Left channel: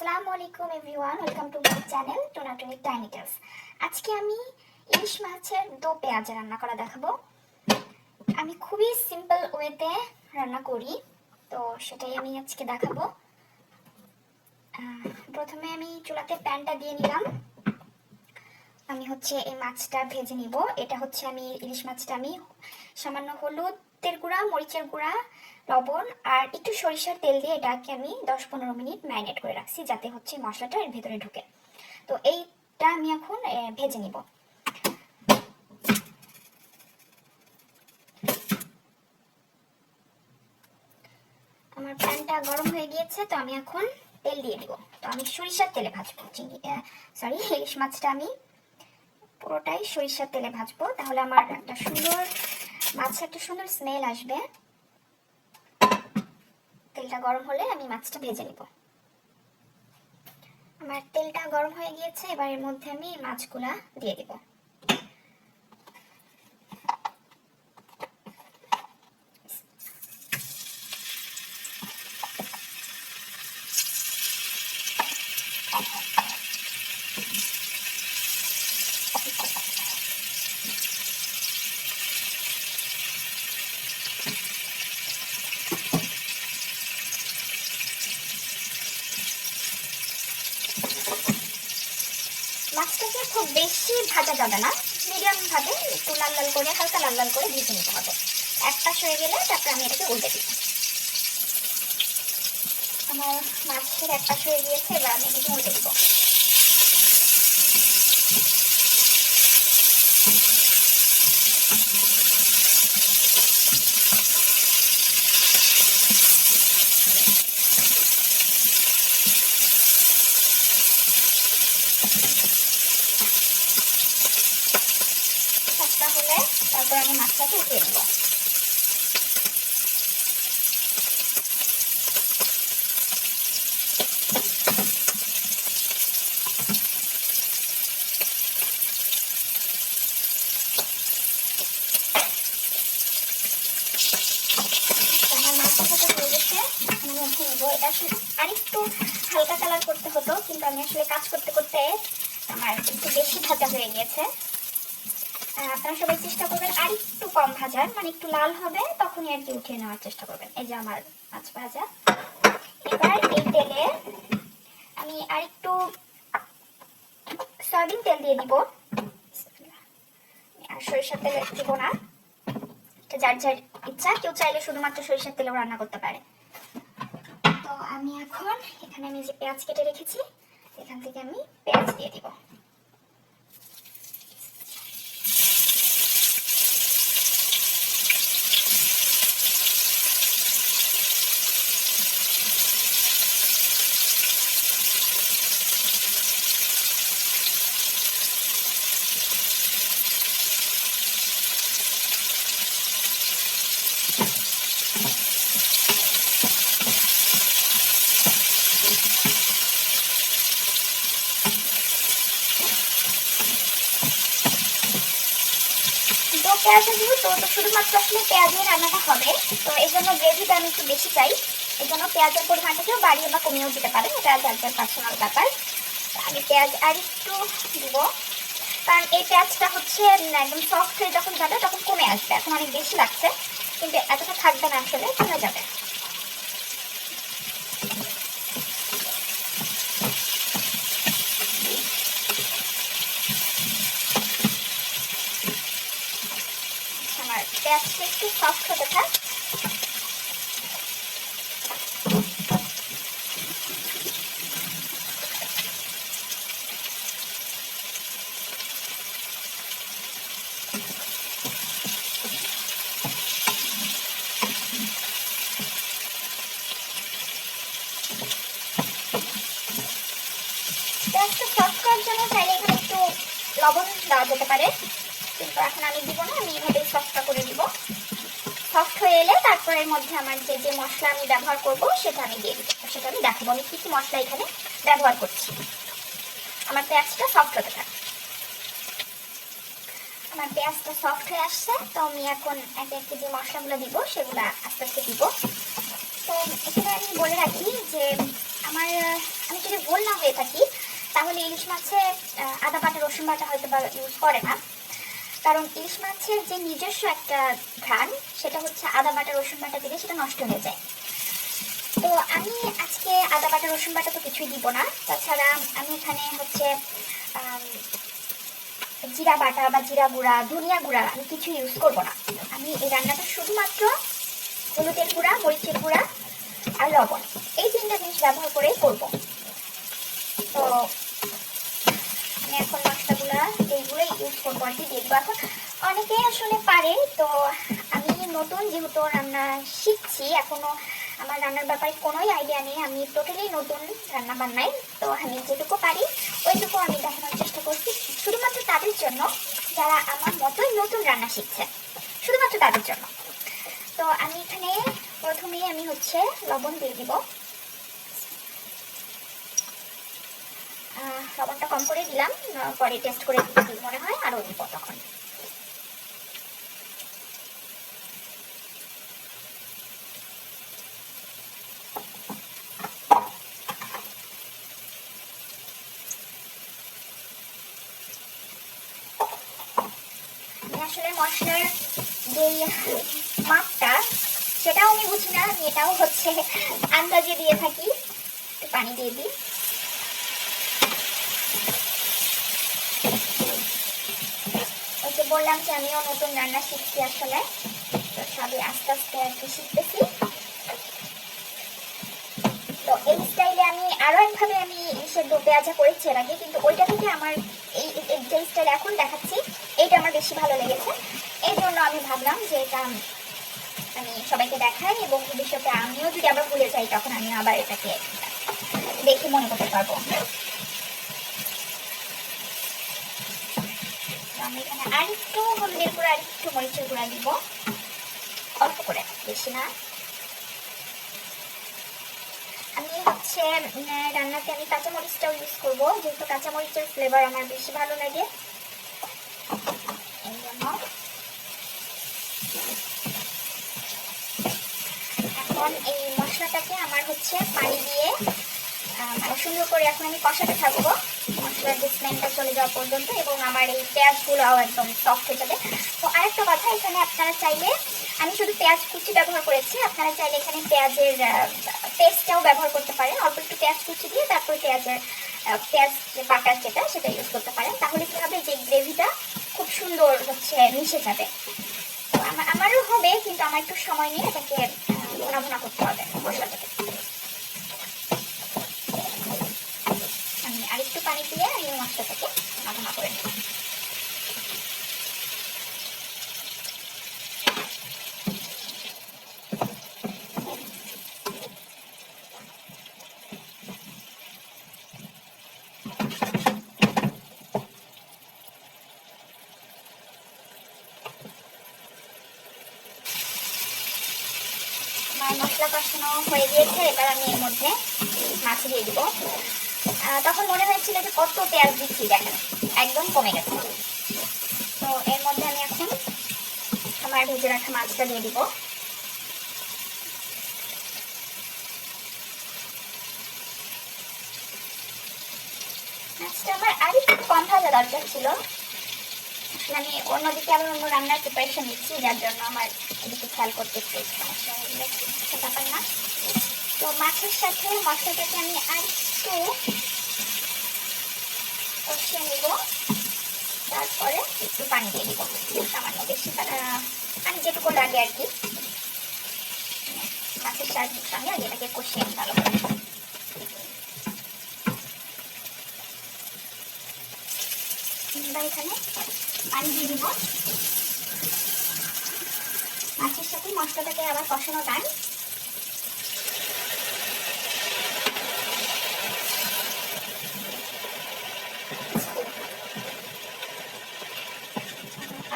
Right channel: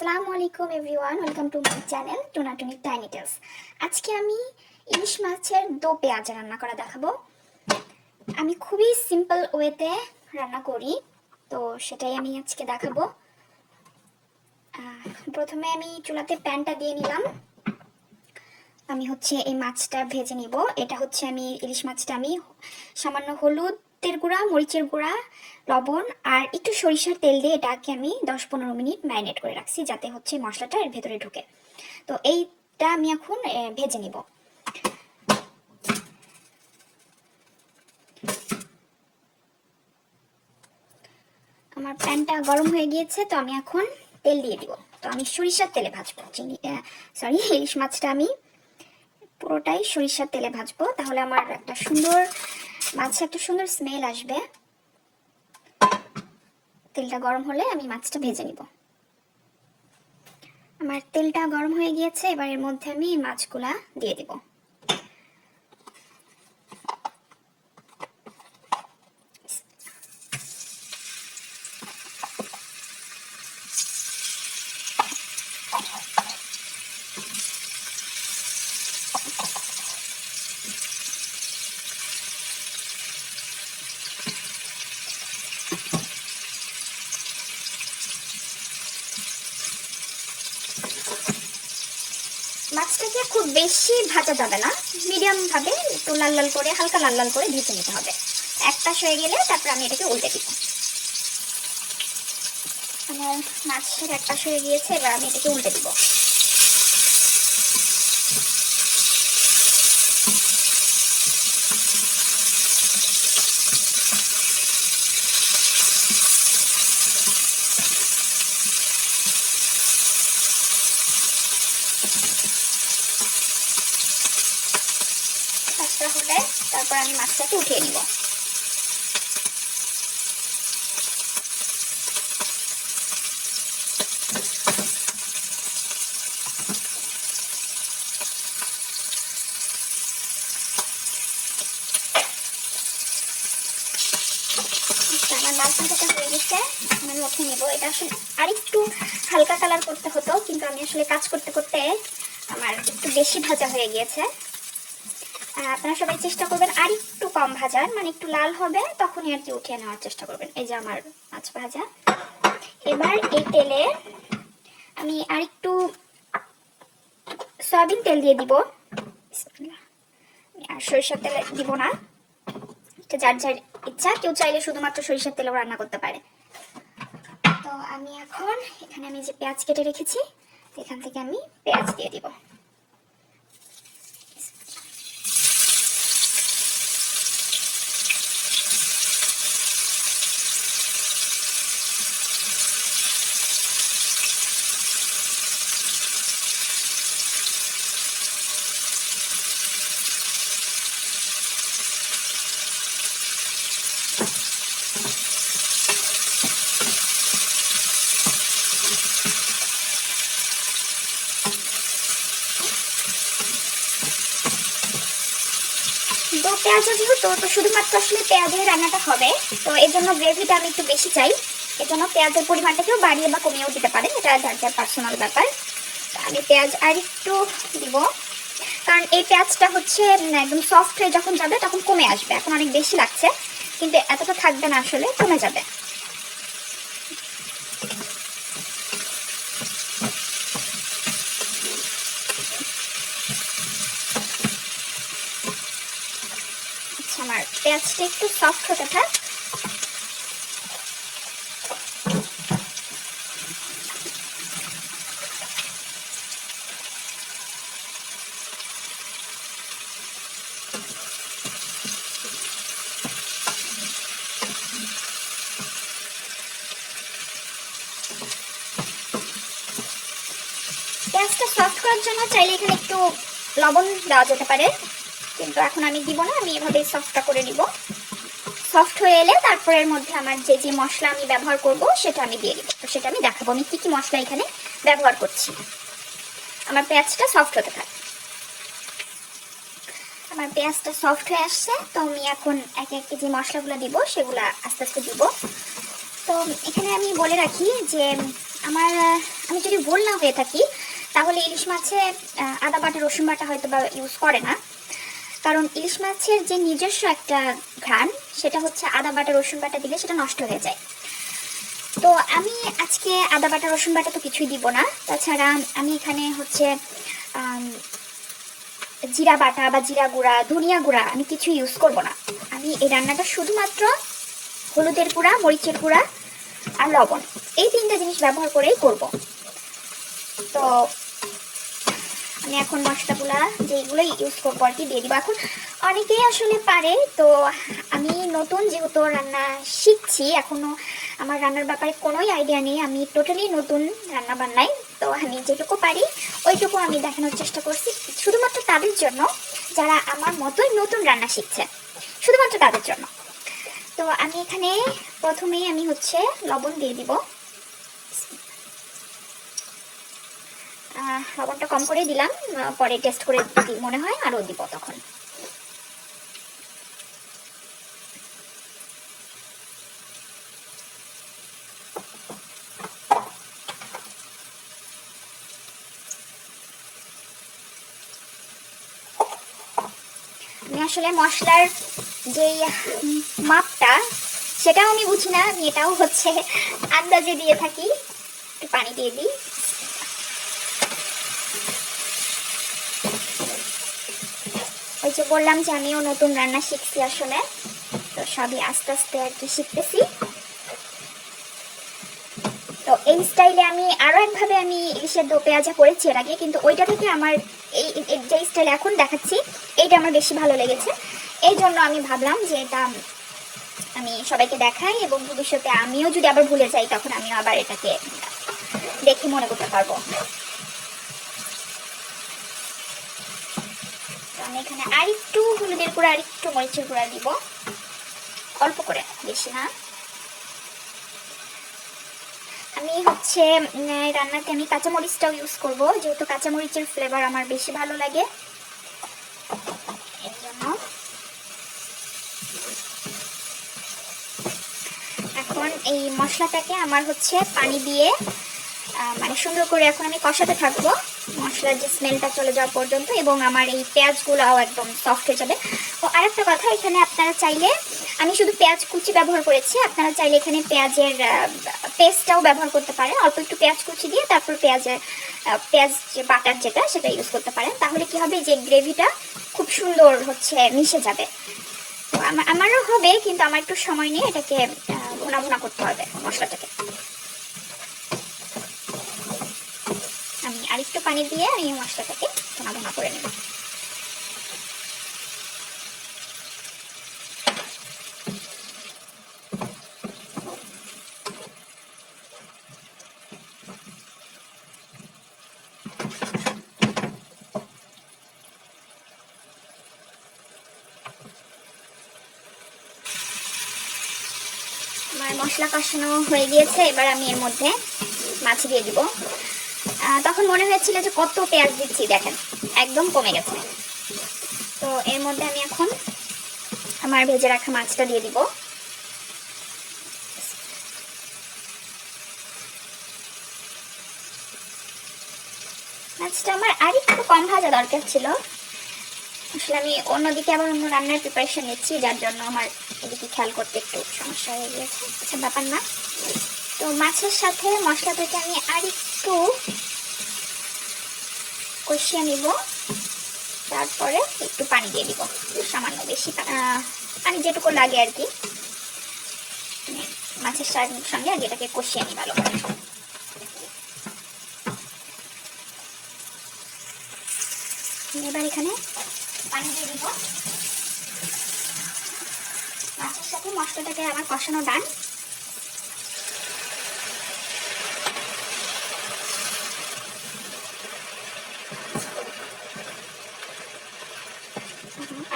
আসসালামু আলাইকুম everyone, welcome to my channel Tunatuni tiny tales. আজকে আমি ইলিশ মাছের দো পেঁয়াজ রান্না করা দেখাবো। আমি খুবই সিম্পল ওয়েতে রান্না করি, তো সেটাই আমি আজকে দেখাবো। প্রথমে আমি চুলাতে প্যানটা দিয়ে নিলাম। আমি এই মাছটা ভেজে নিব। এটা আমি ইলিশ মাছটা আমি সামান্য হলুদের গুঁড়া, মরিচের গুঁড়া, লবণ আর একটু সরিষার তেল দিয়ে এটাকে আমি 10-15 মিনিট ম্যারিনেট করে রাখছি, যাতে মশলাটা এর ভেতরে ঢুকে। তো এইটা আমি এখন ভেজে নিব। আমার প্যানটা গরম হয়ে গিয়েছে, তো আমি এখন তেল দিয়ে দিব। তো আমি সরিষার তেলে ভাজবো ইলিশ মাছটা আমি পুরোটাই সরিষার তেলে ভাজবো, তাহলে আমার একটা সুন্দর স্মেল আসবে। তেলটা গরম হলে আমি মাছটা ভেজে নিব। আমার তেলটা গরম হয়ে গিয়েছে, এবার এর মধ্যে আমি মাছগুলা দিয়ে দিব। মাছটাকে খুব বেশি ভাজা যাবে না, মিডিয়াম ভাবে একটু লাল লাল করে, হালকা লাল লাল করে ভেজে নিতে হবে। এক পাশ হয়ে গেলে তারপরে আমি এটাকে উল্টে দিব। আমার মাছের এক পাশ হয়ে গিয়েছে, এবার আমি এটাকে উল্টে দিব। হলে তারপর আমি মাছটাকে উঠিয়ে নিব। আমার মাছ ভাজাটা হয়ে গেছে, আমি উঠিয়ে নিব। এটা আসলে আরেকটু হালকা কালার করতে হতো, কিন্তু আমি আসলে কাজ করতে করতে আমার একটু বেশি ভাজা হয়ে গিয়েছে। আপনারা সবাই চেষ্টা করবেন আর একটু কম ভাজার, মানে একটু লাল হবে তখনই আর কি উঠিয়ে নেওয়ার চেষ্টা করবেন। এই যে আমার মাছ ভাজা। এবার এই তেলে আমি আর একটু সয়াবিন তেল দিয়ে দিব। আর সরিষার তেল দিব না, যার যার ইচ্ছা। কেউ চাইলে শুধুমাত্র সরিষার তেলেও রান্না করতে পারে। তো আমি এখন এখানে আমি যে পেঁয়াজ কেটে রেখেছি, এখান থেকে আমি পেঁয়াজ দিয়ে দিব। তো পেঁয়াজ যেহেতু, তো শুধুমাত্র আসলে পেঁয়াজের রান্নাটা হবে, তো এর জন্য গ্রেভিটা আমি একটু বেশি চাই। এর জন্য পেঁয়াজের পরিমাণটাকেও বাড়িয়ে বা কমিয়েও দিতে পারে, এটা যার যার পার্সোনাল ব্যাপার। আমি পেঁয়াজ আর একটু দিব, কারণ এই পেঁয়াজটা একদম সফট হয়ে যখন যাবে তখন কমে আসবে। এখন অনেক বেশি লাগছে, কিন্তু এতটা থাকবে না, আসলে কমে যাবে। আমার পেঁয়াজটা একটু সফট হতে থাক। পেঁয়াজটা সফট করার জন্য চাইলে এখানে একটু লবণ দেওয়া যেতে পারে, কিন্তু এখন আমি দিব না। আমি এভাবেই সফটটা করে দিব। সফট হয়ে এলে তারপর এর মধ্যে আমার যে যে মশলা আমি ব্যবহার করব সেটা আমি দিয়ে দিব। তো সেটা আমি দেখাবো আমি কি কি মশলা এখানে ব্যবহার করছি। আমার পেঁয়াজটা সফট হতে থাকে। আমার পেঁয়াজটা সফট হয়ে আসছে, তো আমি এখন একে একে যে মশলাগুলো দিব সেগুলো আস্তে আস্তে দিব। তো এখানে আমি বলে রাখি যে আমি যদি ভুল না হয়ে থাকি তাহলে ইলিশ মাছে আদা বাটা রসুন বাটা হয়তো বা ইউজ করে না, কারণ ইলিশ মাছের যে নিজস্ব একটা ঘ্রাণ সেটা হচ্ছে আদা বাটা রসুন বাটা দিলে সেটা নষ্ট হয়ে যায়। তো আমি আজকে আদা বাটা রসুন বাটা তো কিছুই দিব না। তাছাড়া আমি এখানে হচ্ছে জিরা বাটা বা জিরা গুঁড়া ধনিয়া গুঁড়া আমি কিছু ইউজ করব না। আমি এই রান্নাটা শুধুমাত্র হলুদের গুঁড়া, মরিচের গুঁড়া আর লবণ, এই তিনটা জিনিস ব্যবহার করেই করব। তো আমি এখন মশলাগুলা যেগুলো ইউজ করবো আর কি দিয়ে দিব। এখন অনেকেই আসলে পারে, তো আমি নতুন যেহেতু রান্না শিখছি, এখনো আমার রান্নার ব্যাপারে কোনোই আইডিয়া নেই, আমি টোটালি নতুন রান্না বান্নায়। তো আমি যেটুকু পারি ওইটুকু আমি দেখানোর চেষ্টা করছি, শুধুমাত্র তাদের জন্য যারা আমার মতোই নতুন রান্না শিখছে, শুধুমাত্র তাদের জন্য। তো আমি এখানে প্রথমেই আমি হচ্ছে লবণ দিয়ে দিব। লবণটা কম করে দিলাম, পরে টেস্ট করে মনে হয় আরও দিব তখন। আমি আসলে মশলার যে মাপটা সেটাও আমি বুঝি না, আমি এটাও হচ্ছে আন্দাজে দিয়ে থাকি। একটু পানি দিয়ে দিই। ওই যে বললাম যে আমিও নতুন রান্না শিখছি আসলে, তো সবই আস্তে আস্তে আর কি শিখতেছি। তো এই স্টাইলে আমি আরও একভাবে আমি ইলিশের দো পেঁয়াজা করেছি এর আগে, কিন্তু ওইটা থেকে আমার এই যে স্টাইল এখন দেখাচ্ছি এইটা আমার বেশি ভালো লেগেছে। এই জন্য আমি ভাবলাম যে এটা আমি সবাইকে দেখাই, এবং ভবিষ্যতে আমিও যদি আবার ভুলে যাই তখন আমিও আবার এটাকে দেখে মনে করতে পারবো। আমি এখানে আরেকটু হলুদের গুঁড়া আরেকটু মরিচের গুঁড়া দিব, অল্প করে, বেশি না। আমি হচ্ছে রান্নাতে আমি কাঁচামরিচটাও ইউজ করবো, যেহেতু কাঁচামরিচের ফ্লেভার আমার বেশি ভালো লাগে, এই জন্য। এখন এই মশলাটাকে আমার হচ্ছে পানি দিয়ে মানে সুন্দর করে এখন আমি কষাতে থাকবো মশলার যে স্মেলটা চলে যাওয়া পর্যন্ত, এবং আমার এই পেঁয়াজগুলোও একদম সফট হয়ে যাবে। ও আরেকটা কথা, এখানে আপনারা চাইলে, আমি শুধু পেঁয়াজ কুচি ব্যবহার করেছি, আপনারা চাইলে এখানে পেঁয়াজের পেস্টটাও ব্যবহার করতে পারেন। অল্প একটু পেঁয়াজ কুচি দিয়ে তারপর পেঁয়াজ বাটার যেটা সেটা ইউজ করতে পারেন। তাহলে কি হবে, যে গ্রেভিটা খুব সুন্দর হচ্ছে মিশে যাবে। তো আমারও হবে, কিন্তু আমার একটু সময় নিয়ে এটাকে ভুনা ভুনা করতে হবে মশলাটাকে। আমি আরেকটু পানি দিয়ে আমি মশলাটাকে ভুনা ভুনা করে নেব। আমার মশলা কষানো হয়ে গিয়েছে, এবার আমি এর মধ্যে মাছ দিয়ে দিব। তখন মনে হয়েছিল যে কত পেঁয়াজ দিচ্ছি, দেখেন একদম কমে গেছে। তো এর মধ্যে আমি এখন আমার ভেজে রাখা মাছটা দিয়ে দিব। মাছটা আমার আর একটু কম ভাজা দরকার ছিল, আসলে আমি অন্যদিকে আবার অন্য রান্নার প্রিপারেশন নিচ্ছি, যার জন্য আমার এদিকে খেয়াল করতে একটু সমস্যা হয়ে গেছে, সে ব্যাপার না। তো মাছের সাথে মশলাটাকে আমি আর একটু কষিয়ে নিব, তারপরে একটু পানি দিয়ে দিব, সামান্য বেশি পানি যেটুকু লাগে আর কি, মাছের সঙ্গে আগে এটাকে কষিয়ে নিই ভালো করে। এবার এখানে পানি দিয়ে দিব, মাছের সাথে মশলাটাকে আবার কষানো ডান।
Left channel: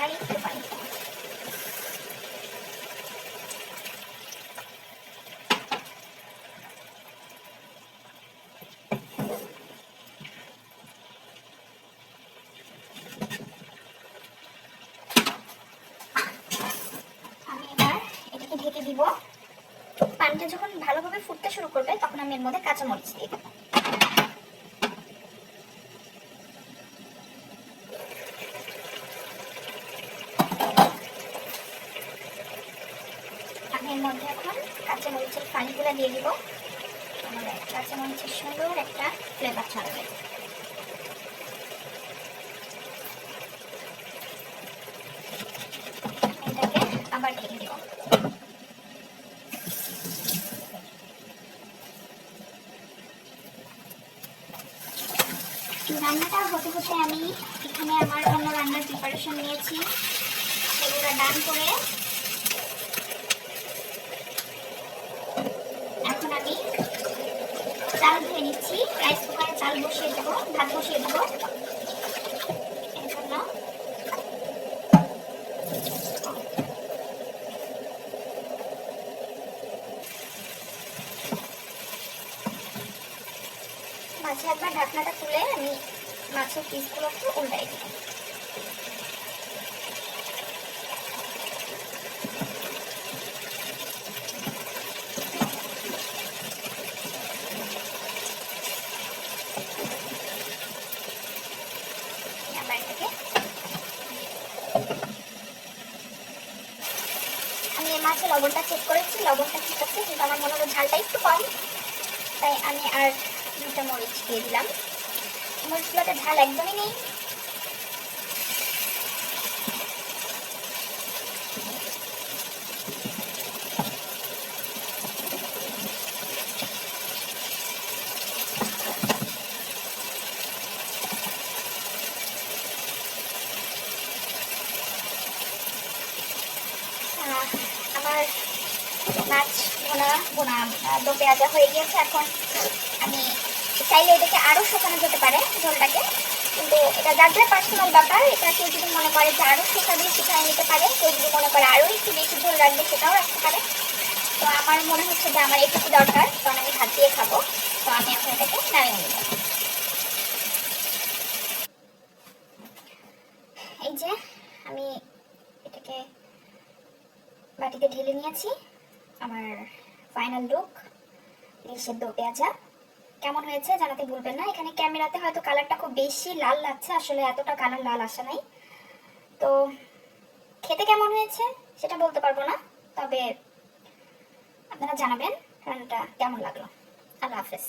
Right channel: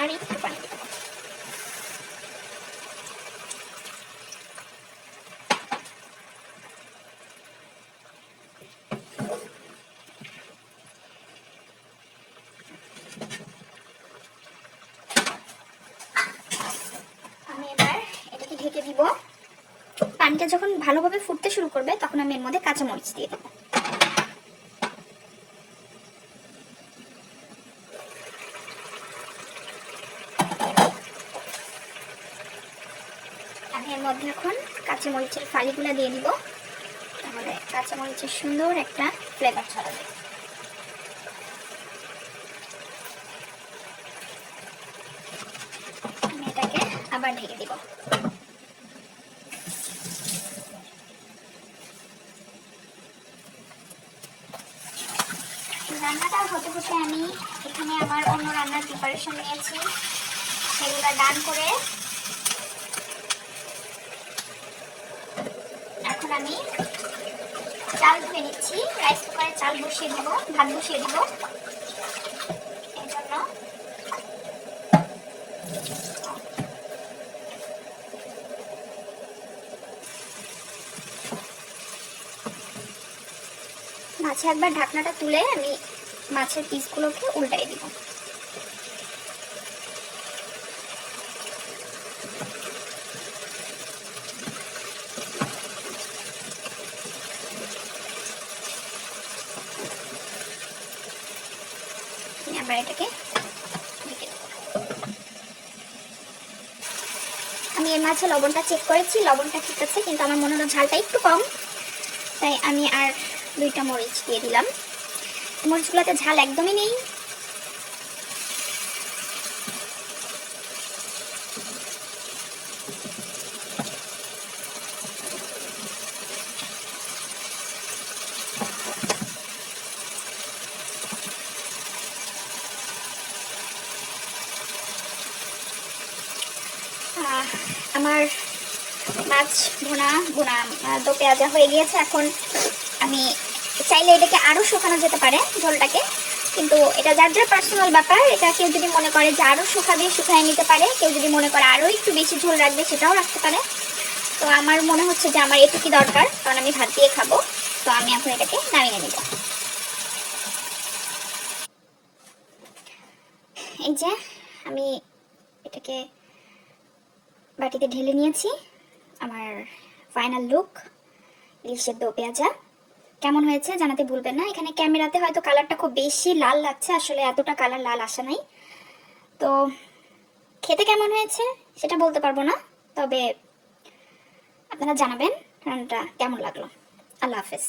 আর একটু পানি, আমি এবার এটাকে ঢেকে দিব। পানিটা যখন ভালোভাবে ফুটতে শুরু করবে তখন আমি এর মধ্যে কাঁচামরিচ দিয়ে দেবো। কাঁচামরিচের ফালিগুলো দিয়ে দিব, তাহলে কাঁচামরিচের সুন্দর একটা ফ্লেভার ছড়াবে। এটাকে আবার ঢেকে দিব। রান্নাটা হতে হতে আমি এখানে আমার অন্য রান্নার প্রিপারেশন নিয়েছি, সেগুলো ডান করে এখন আমি চাল ধুয়ে নিচ্ছি। রাইস কুকারে চাল বসিয়ে দেবো, ভাত বসিয়ে দেবো। এই জন্য মাছে একবার ঢাকনাটা তুলে আমি মাছের পিসগুলোকে উল্টাই দিব। আবার এটাকে আমি এই মাছে লবণটা চেক করেছি, লবণটা ঠিক আছে, কিন্তু আমার মনে হলো ঝালটা একটু কম, তাই আমি আর 2টা মরিচ দিয়ে দিলাম। মরিচগুলোতে ঝাল একদমই নেই। আমার মাছ ভোনা ভোনা দো পেঁয়াজা হয়ে গিয়েছে। এখন আমি চাইলে এটাকে আরও শুকানো যেতে পারে ঝোলটাকে, কিন্তু এটা যার যার পার্সোনাল ব্যাপার। এটা কেউ যদি মনে করে যে আরও শুকাবে শুকায় নিতে পারে, কেউ যদি মনে করে আরও একটু বেশি ঝোল রাখবে সেটাও রাখতে পারে। তো আমার মনে হচ্ছে যে আমার এটুকুই দরকার, কারণ আমি ভাত দিয়ে খাবো। তো আমি এখন এটাকে নামিয়ে নেব। এই যে আমি এটাকে বাটিতে ঢেলে নিয়েছি। আমার ফাইনাল লুক ইলিশের দো পেঁয়াজা। কেমন হয়েছে জানাতে ভুলবেন না। এখানে ক্যামেরাতে হয়তো কালারটা খুব বেশি লাল লাগছে, আসলে এতটা কালার লাল আসে নাই। তো খেতে কেমন হয়েছে সেটা বলতে পারবো না, তবে আপনারা জানাবেন রান্নাটা কেমন লাগলো। আল্লাহ হাফেজ।